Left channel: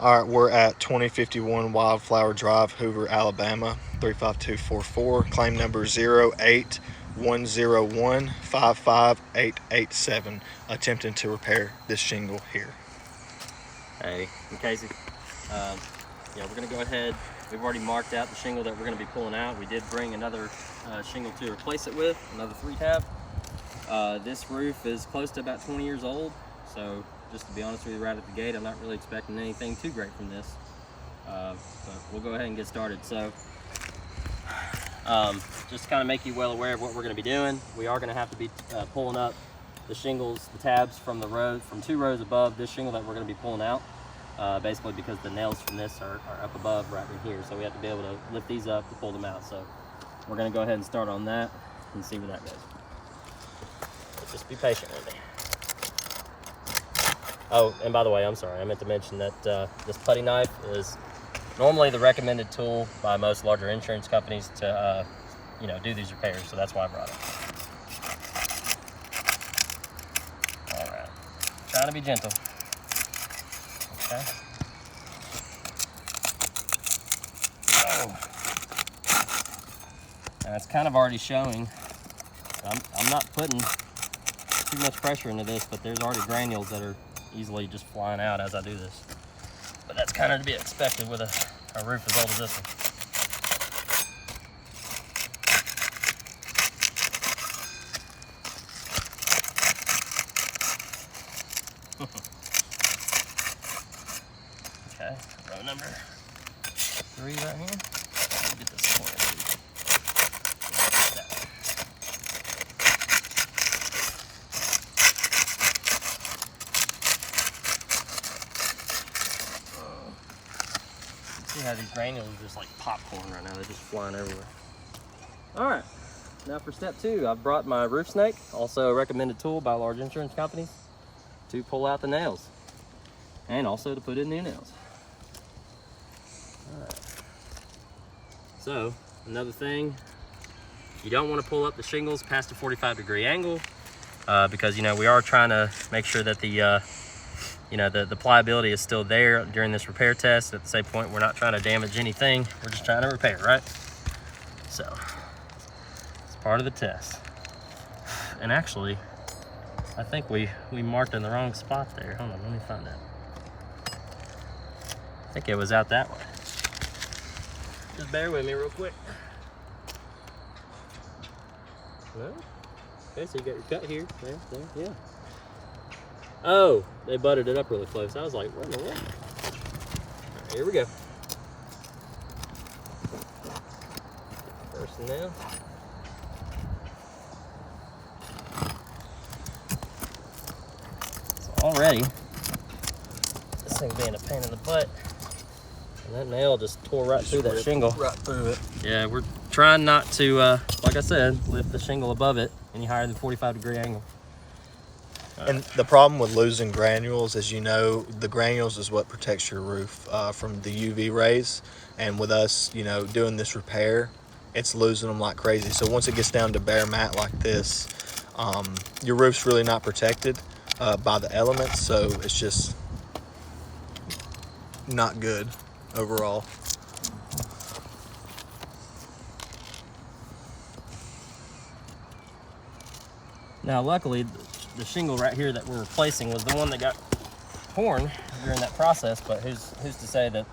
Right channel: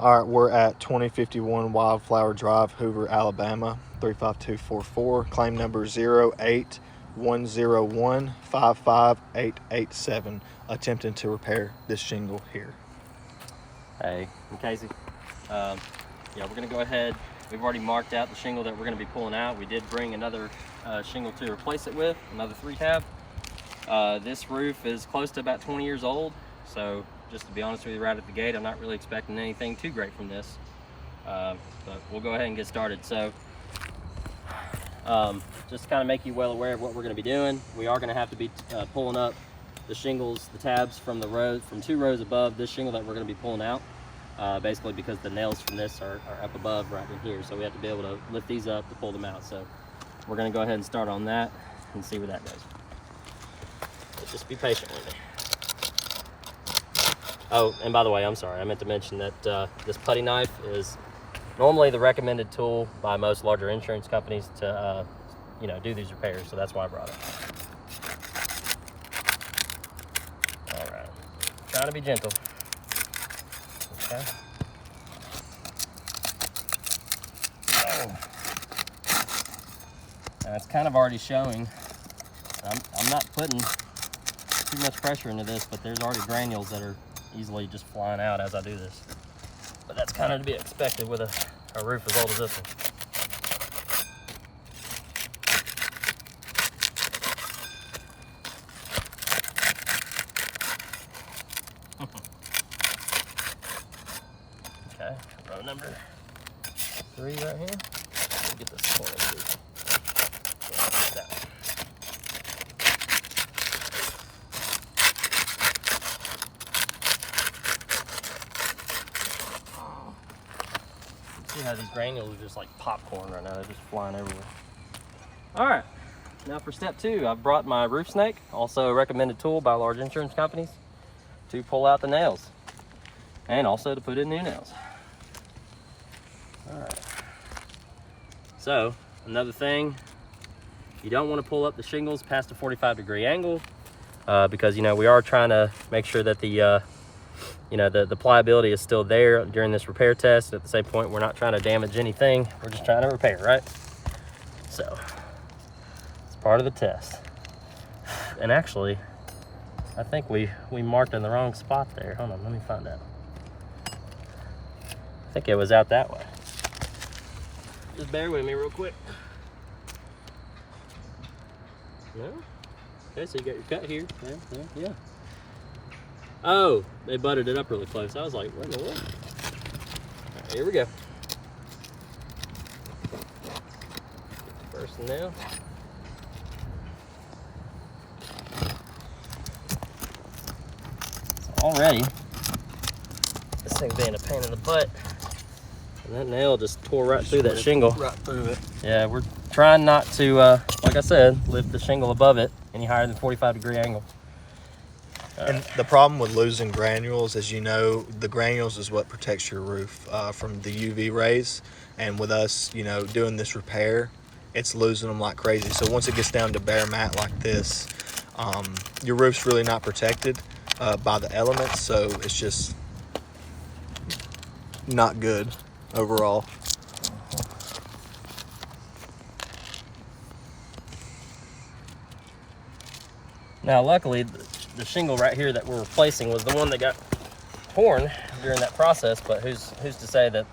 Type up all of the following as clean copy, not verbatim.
All right, we're at 2051 Wildflower Drive, Hoover, Alabama, 35244. Claim number 08101558887. Attempting to repair this shingle here. Hey, I'm Casey. Yeah, we're going to go ahead. We've already marked out the shingle that we're going to be pulling out. We did bring another shingle to replace it with, another 3-tab. This roof is close to about 20 years old, so just to be honest with you right at the gate, I'm not really expecting anything too great from this. But we'll go ahead and get started. So just to kind of make you well aware of what we're going to be doing, we are going to have to be pulling up the shingles, the tabs from the row, from 2 rows above this shingle that we're going to be pulling out. Basically because the nails from this are up above right in here, so we have to be able to lift these up to pull them out. So we're going to go ahead and start on that and see where that goes. So just be patient with me. Oh, and by the way, I'm sorry, I meant to mention that this putty knife is normally the recommended tool by most larger insurance companies to do these repairs, so that's why I brought it. All right, trying to be gentle. Okay. Oh. Now it's kind of already showing. I'm not putting too much pressure into this, but there's already granules that are easily just flying out as I do this. But that's kind of to be expected with a roof as old as this one. Okay, row number 3 right here. Let me get this corner too. See how these granules are just like popcorn right now. They're just flying everywhere. All right, now for step 2, I've brought my roof snake, also a recommended tool by large insurance companies, to pull out the nails and also to put in new nails. All right. So another thing, you don't want to pull up the shingles past a 45-degree angle because we are trying to make sure that the pliability is still there during this repair test. At the same point, we're not trying to damage anything. We're just trying to repair, right? So it's part of the test. And actually, I think we marked in the wrong spot there. Hold on, let me find out. I think it was out that way. Just bear with me real quick. No? Okay, so you got your cut here. There, yeah. Oh, they buttered it up really close. I was like, what in the world? All right, here we go. First nail. So already, this thing being a pain in the butt, and that nail just tore right through that shingle. Right through it. Yeah, we're trying not to, like I said, lift the shingle above it any higher than 45-degree angle. And the problem with losing granules, as you know, the granules is what protects your roof from the UV rays. And with us, doing this repair, it's losing them like crazy. So once it gets down to bare mat like this, your roof's really not protected by the elements. So it's just not good overall. Now, luckily, the shingle right here that we're replacing was the one that got torn during that process, but who's to say that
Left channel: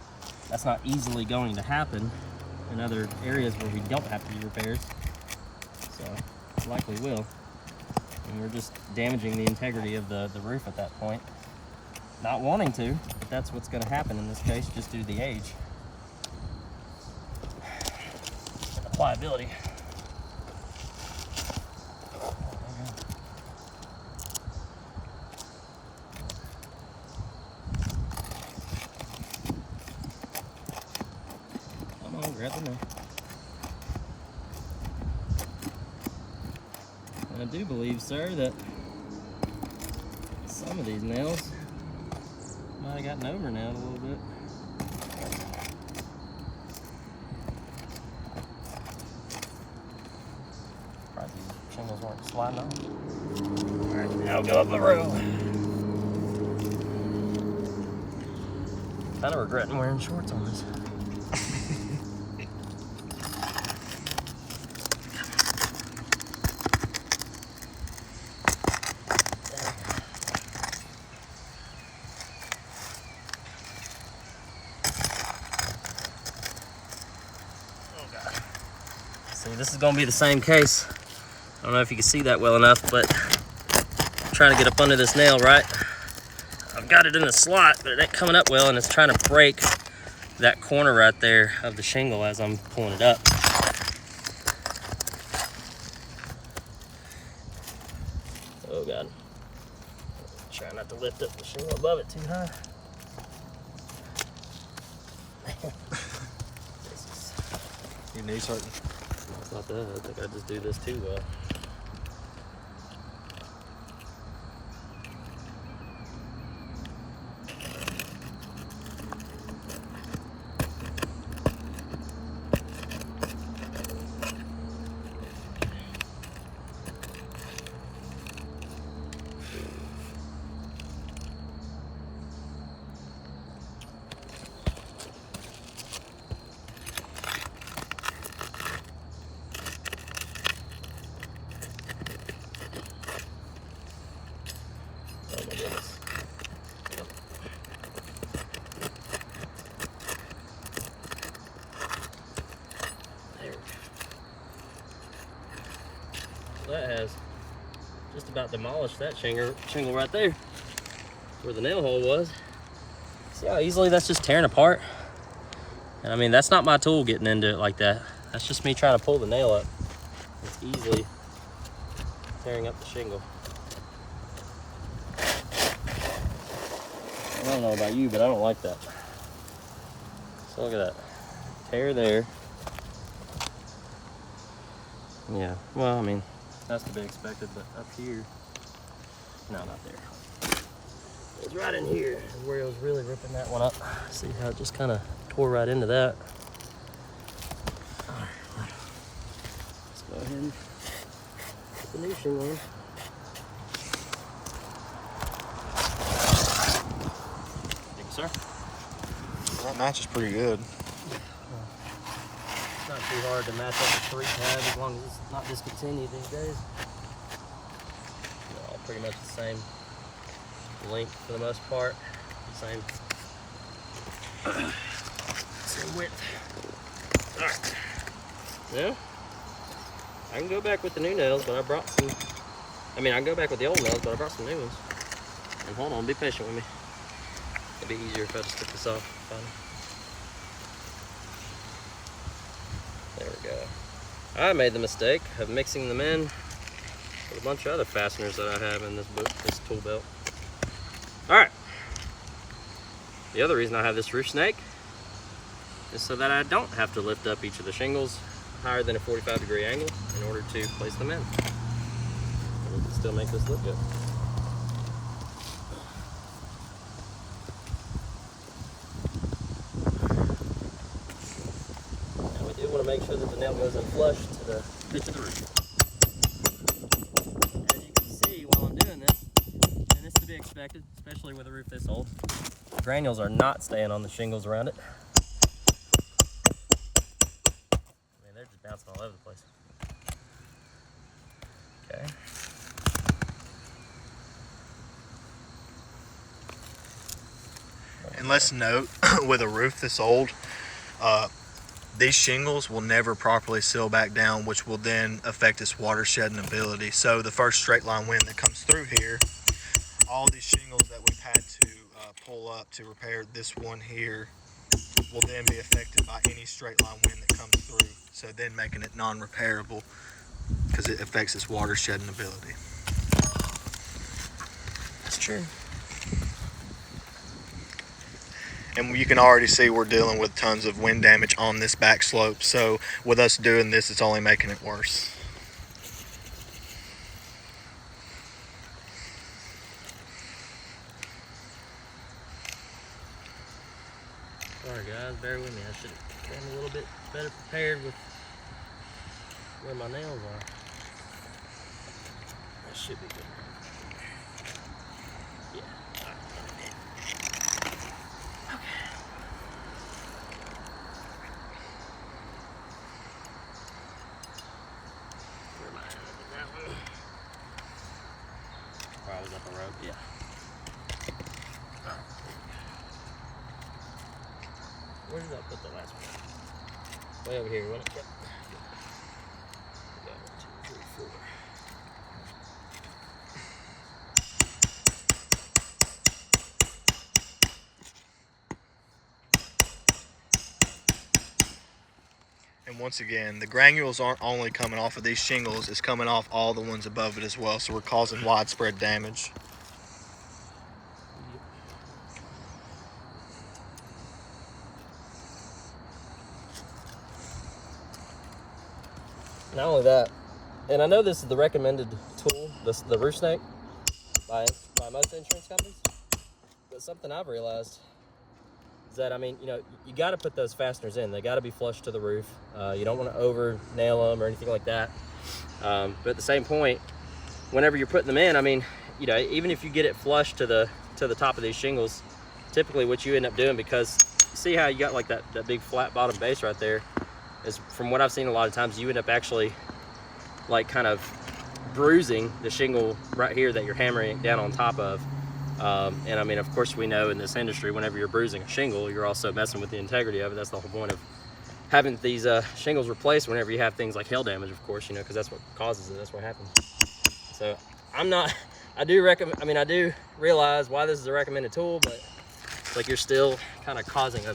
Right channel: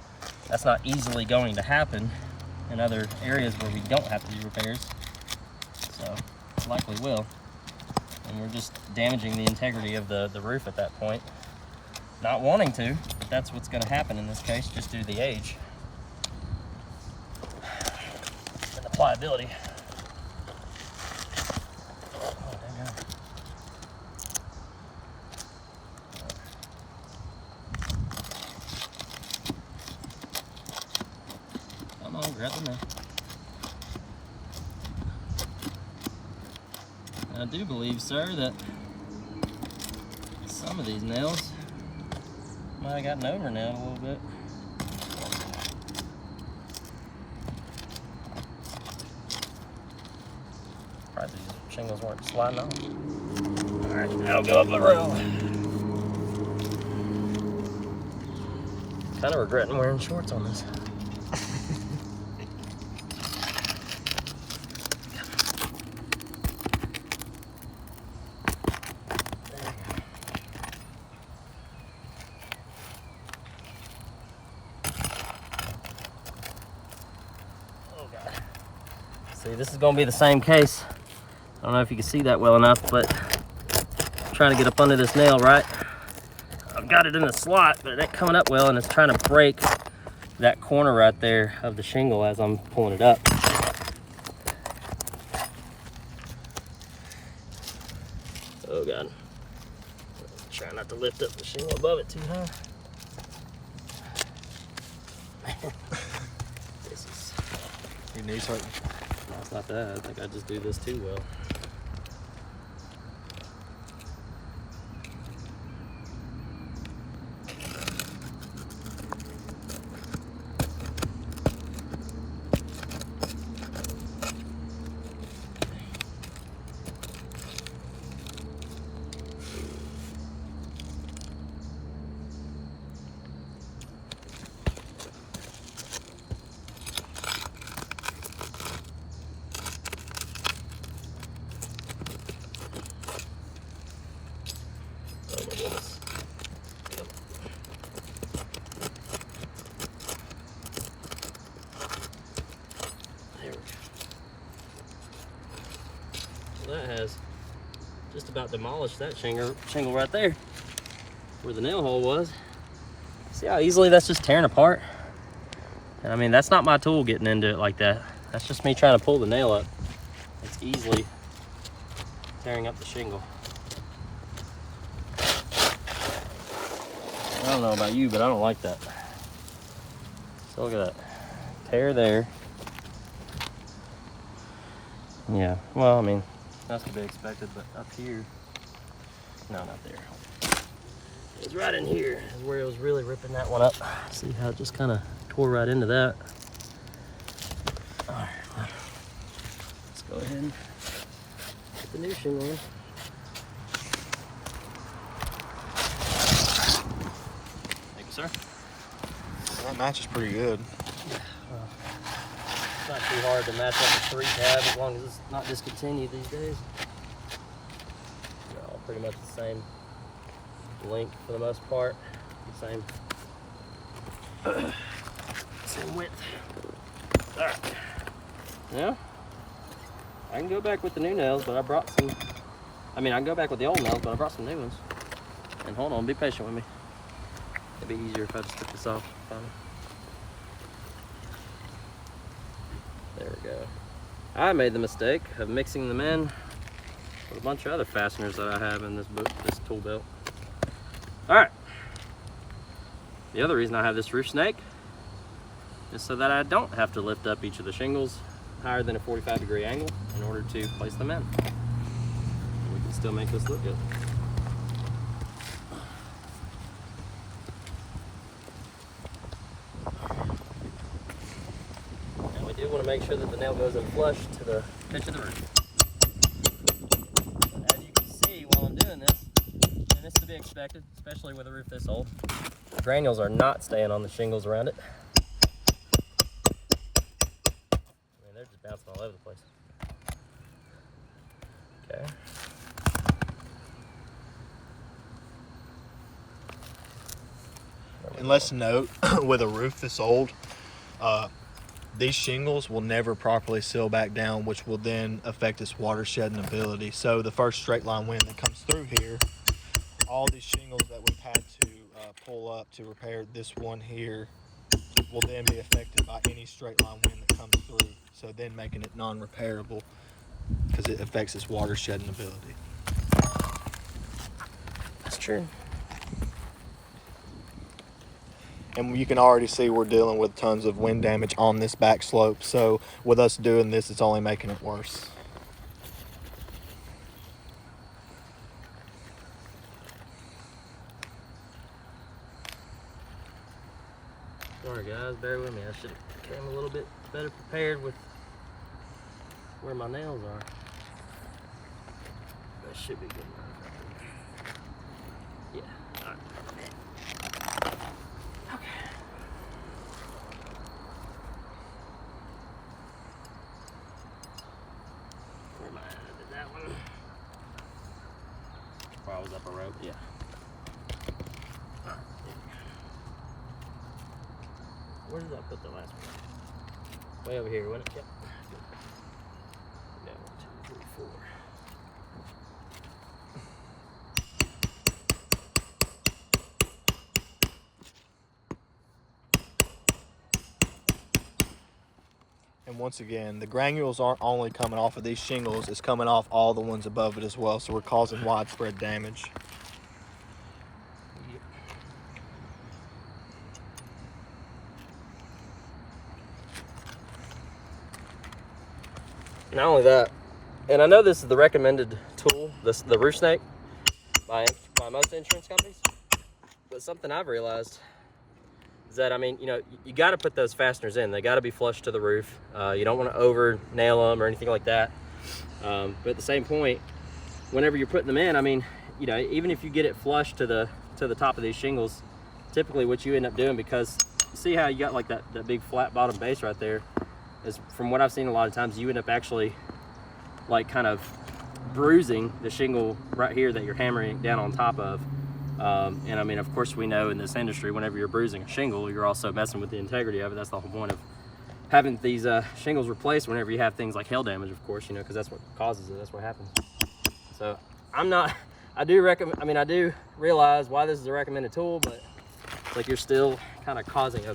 that's not easily going to happen in other areas where we don't have to do repairs. So it likely will, and we're just damaging the integrity of the roof at that point. Not wanting to, but that's what's going to happen in this case, just due to the age and the pliability. Grab the nail. I do believe, sir, that some of these nails might have gotten over nailed a little bit. Probably these shingles weren't sliding off. All right, now go up the row. Kind of regretting wearing shorts on this. See, this is gonna be the same case. I don't know if you can see that well enough, but I'm trying to get up under this nail, right? I've got it in the slot, but it ain't coming up well, and it's trying to break that corner right there of the shingle as I'm pulling it up. Oh God. Try not to lift up the shingle above it too high. This is... Your knees hurting? No, it's not that. I think I just do this too well. Oh my goodness. There we go. That has just about demolished that shingle right there where the nail hole was. See how easily that's just tearing apart? And I mean, that's not my tool getting into it like that. That's just me trying to pull the nail up. It's easily tearing up the shingle. I don't know about you, but I don't like that. So look at that. Tear there. Yeah, well, I mean, that's to be expected, but up here, no, not there. It's right in here is where it was really ripping that one up. See how it just kind of tore right into that. All right, let's go ahead and put the new shingle in. Thank you, sir. That match is pretty good. It's not too hard to match up a 3-tab as long as it's not discontinued these days. They're all pretty much the same length for the most part. The same width. Alright. Now, I can go back with the new nails, but I brought some. I can go back with the old nails, but I brought some new ones. And hold on, be patient with me. It'd be easier if I just took this off. There we go. I made the mistake of mixing them in with a bunch of other fasteners that I have in this tool belt. All right. The other reason I have this roof snake is so that I don't have to lift up each of the shingles higher than a 45-degree angle in order to place them in. And we can still make this look good. Now we do want to make sure that the nail goes in flush to the pitch of the roof. And as you can see while I'm doing this, and this is to be expected, especially with a roof this old, the granules are not staying on the shingles around it. They're just bouncing all over the place. Okay. And let's note, with a roof this old, these shingles will never properly seal back down, which will then affect its water shedding ability. So the first straight line wind that comes through here, all these shingles that we've had to pull up to repair this one here will then be affected by any straight line wind that comes through. So then making it non-repairable because it affects its water shedding ability. That's true. And you can already see we're dealing with tons of wind damage on this back slope. So with us doing this, it's only making it worse. Sorry guys, bear with me. I should have came a little bit better prepared with where my nails are. That should be good. Yeah, alright. Okay. up a rope, yeah. All right. Where did I put the last one? Way over here, wasn't it? Yep. Good. We got 1, 2, 3, 4. And once again, the granules aren't only coming off of these shingles, it's coming off all the ones above it as well, so we're causing widespread damage. Not only that, and I know this is the recommended tool, the roof snake, by most insurance companies, but something I've realized is that, I mean, you know, you got to put those fasteners in. They got to be flush to the roof. You don't want to over nail them or anything like that. But at the same point, whenever you're putting them in, I mean, you know, even if you get it flush to the top of these shingles, typically what you end up doing, because you see how you got like that big flat bottom base right there, is from what I've seen a lot of times, you end up actually like kind of bruising the shingle right here that you're hammering down on top of. And I mean, of course, we know in this industry, whenever you're bruising a shingle, you're also messing with the integrity of it. That's the whole point of having these shingles replaced whenever you have things like hail damage, of course, you know, because that's what causes it. That's what happens. So I do realize why this is a recommended tool, but it's like you're still kind of causing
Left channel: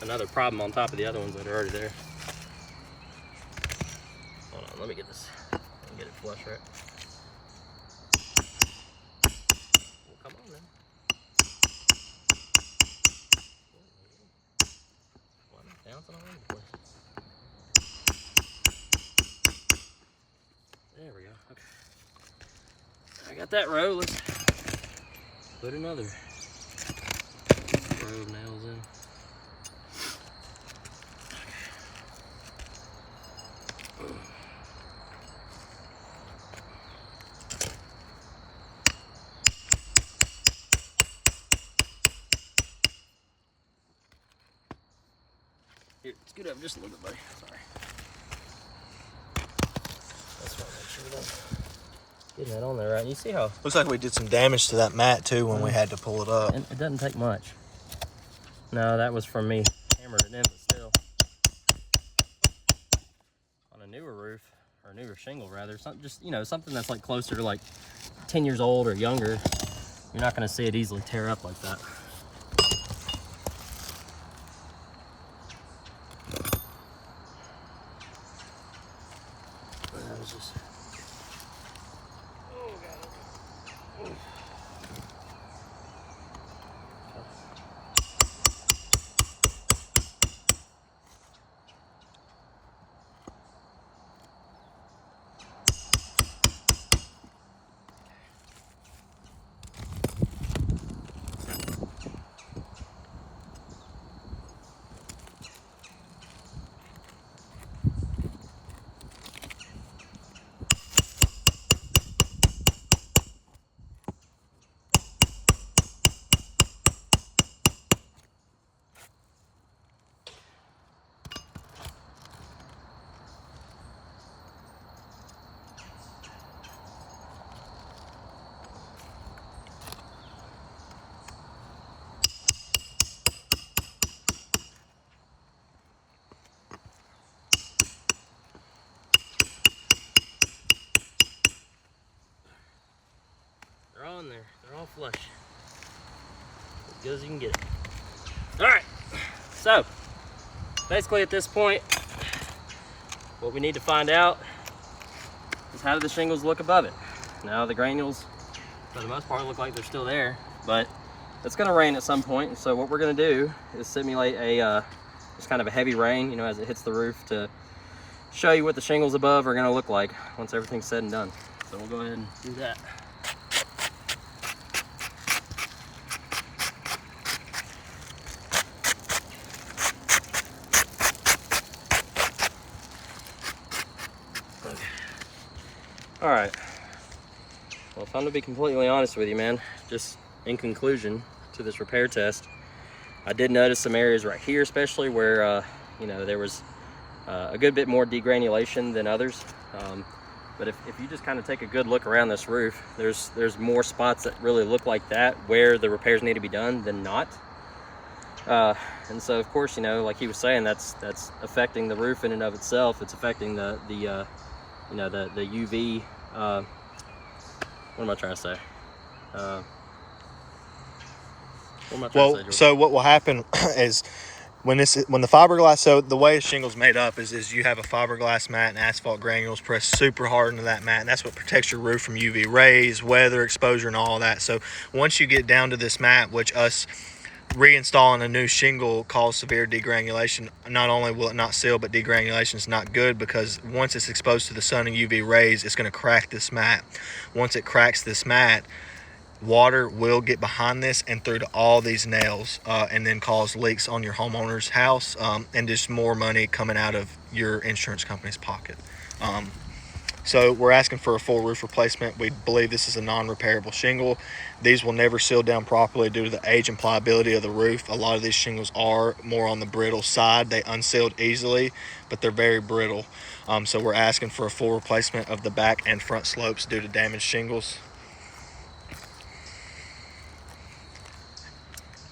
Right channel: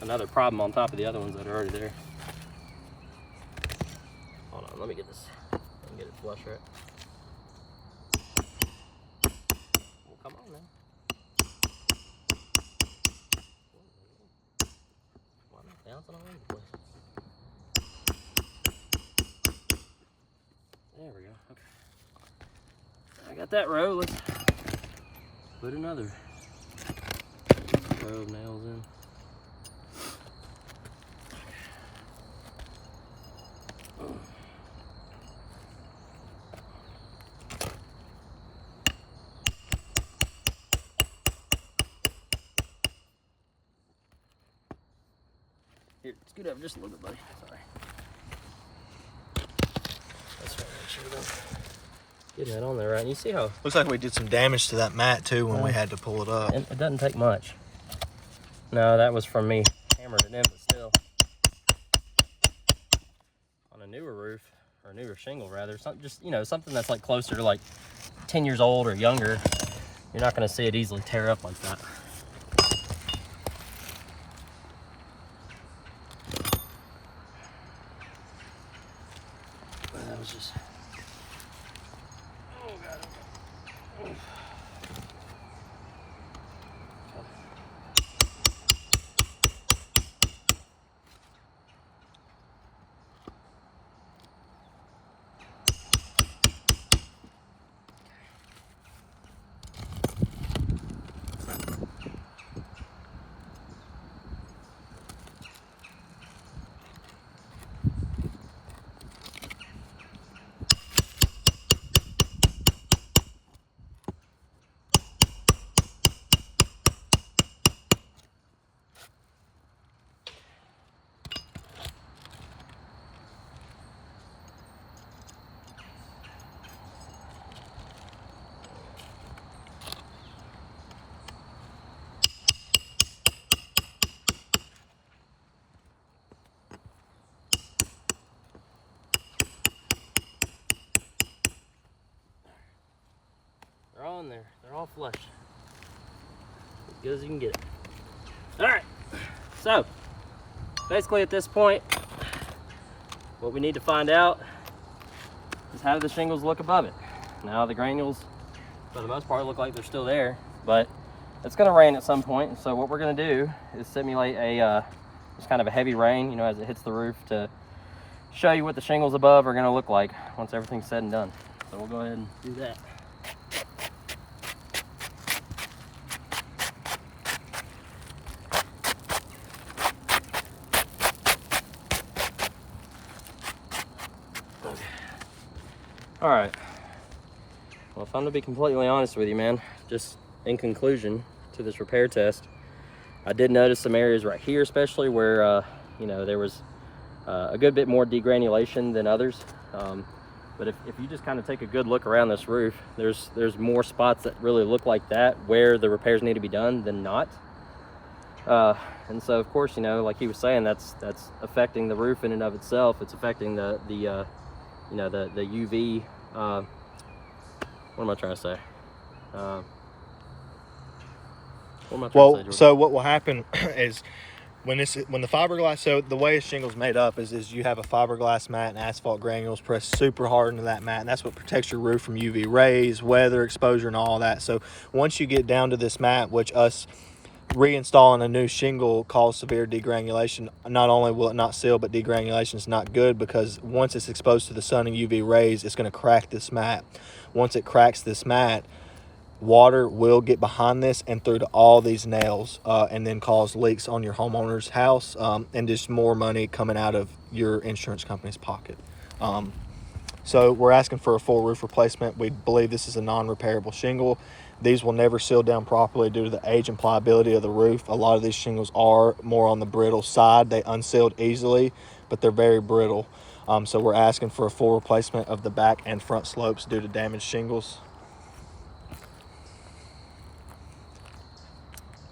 another problem on top of the other ones that are already there. Hold on, let me get this and get it flush right. Come on now. Why am I bouncing all over the place? There we go. Okay. I got that row. Let's put another row of nails in. Here, scoot up just a little bit, buddy. Sorry. That's right. Make sure we're getting that on there right. And you see how Looks like we did some damage to that mat too when we had to pull it up. it doesn't take much. No, that was from me hammering it in, but still. On a newer roof, or newer shingle rather, something that's like closer to like 10 years old or younger, you're not going to see it easily tear up like that. That was just. Oh God. Okay. They're all in there. They're all flush. As good as you can get it. All right. So, basically at this point, what we need to find out is how do the shingles look above it. Now the granules, for the most part, look like they're still there, but it's going to rain at some point. So what we're going to do is simulate a just kind of a heavy rain, you know, as it hits the roof to show you what the shingles above are going to look like once everything's said and done. So we'll go ahead and do that. All right. Well, if I'm to be completely honest with you, man, just in conclusion to this repair test, I did notice some areas right here, especially where, you know, there was a good bit more degranulation than others. But if you just kind of take a good look around this roof, there's more spots that really look like that where the repairs need to be done than not. And so of course, you know, like he was saying, that's affecting the roof in and of itself. It's affecting the you know, the UV. What am I trying to say? So what will happen is when the fiberglass, so the way a shingle's made up is you have a fiberglass mat and asphalt granules pressed super hard into that mat, and that's what protects your roof from UV rays, weather exposure, and all that. So once you get down to this mat, which us reinstalling a new shingle cause severe degranulation, not only will it not seal, but degranulation is not good, because once it's exposed to the sun and UV rays, it's going to crack this mat. Once it cracks this mat, water will get behind this and through to all these nails, and then cause leaks on your homeowner's house, and just more money coming out of your insurance company's pocket. So we're asking for a full roof replacement. We believe this is a non-repairable shingle. These will never seal down properly due to the age and pliability of the roof. A lot of these shingles are more on the brittle side. They unsealed easily, but they're very brittle. So we're asking for a full replacement of the back and front slopes due to damaged shingles.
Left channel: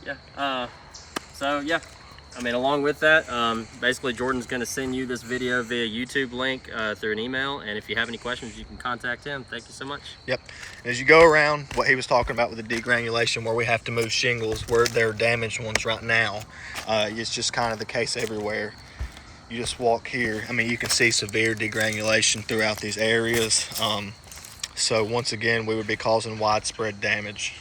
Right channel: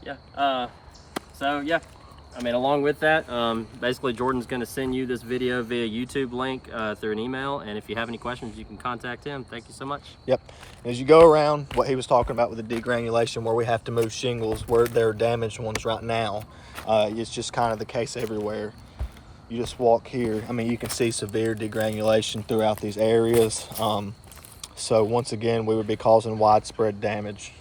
Yeah. So yeah, I mean, along with that, basically Jordan's going to send you this video via YouTube link through an email, and if you have any questions, you can contact him. Thank you so much. Yep. And as you go around, what he was talking about with the degranulation, where we have to move shingles where there are damaged ones right now, it's just kind of the case everywhere. You just walk here, I mean, you can see severe degranulation throughout these areas. So once again, we would be causing widespread damage.